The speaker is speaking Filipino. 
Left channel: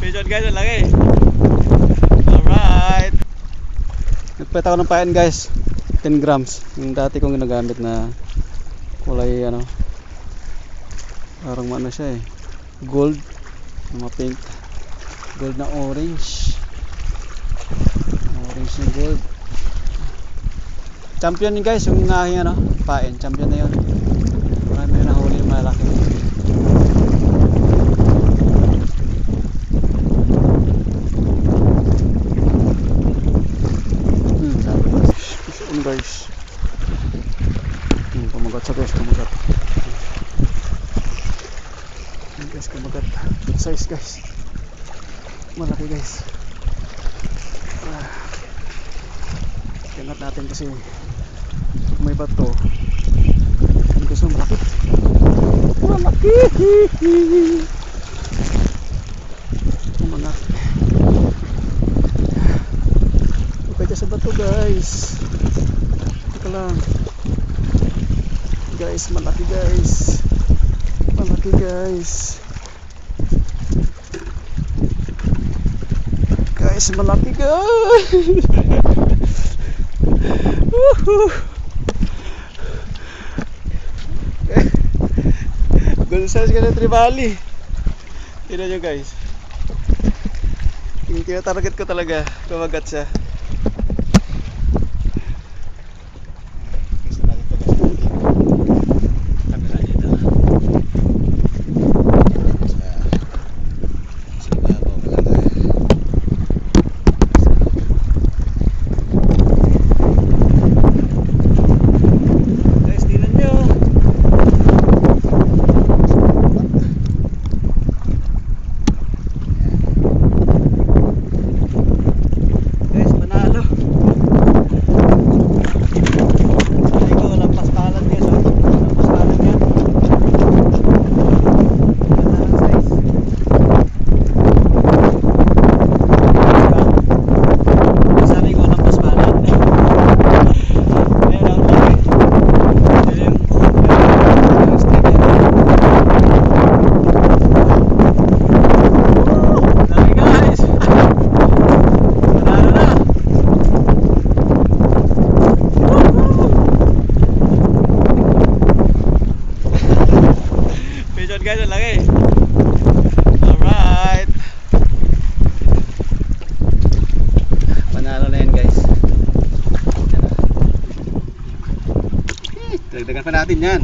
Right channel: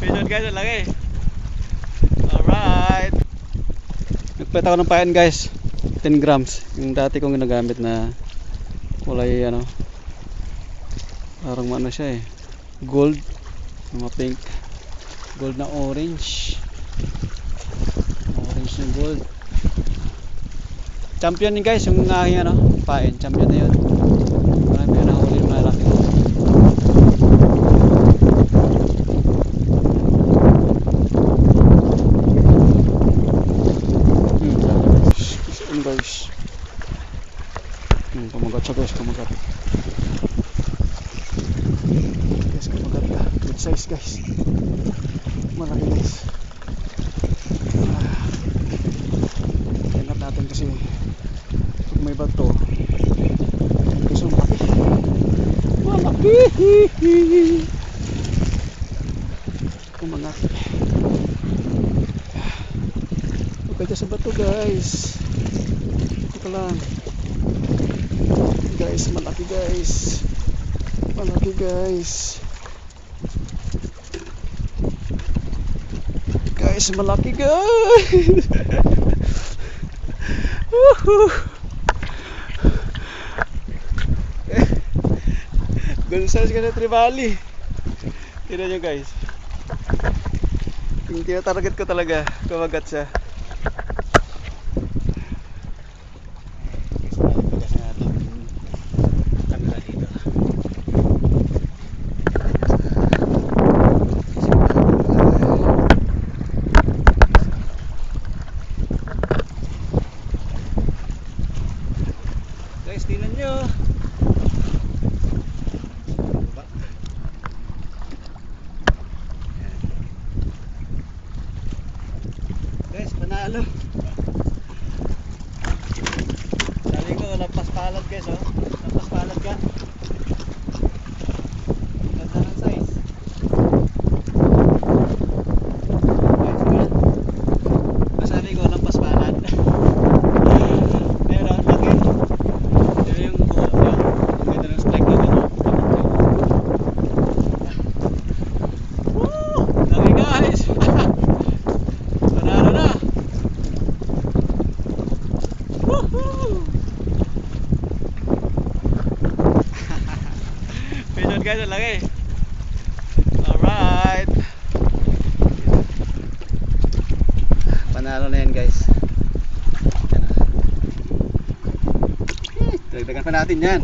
Pigeon guys, ang laki. Alright. Nagpet ako ng pain guys. 10 grams. Yung dati kong ginagamit na kulay ano. Parang ano siya eh. Gold. Mga pink. Gold na orange. Orange na gold. Champion yun guys. Yung aking ano, pain. Champion na yun. Marami na nahuli malaki. Guys, kumagat siya guys, kumagat guys, kumagat, big size guys, malaki guys. Ingat natin kasi may bato. Ang gusto malaki, malaki. Kumagat ipagka sa bato guys. Ito lang guys, malaki guys, malaki guys, guys, malaki guys. Gold size ka na tribali. Tignan nyo guys, yung tinatarget ko talaga, kumagat siya. Guys, ang laki. Alright. Panalo na yan guys. Dagdagan pa natin yan.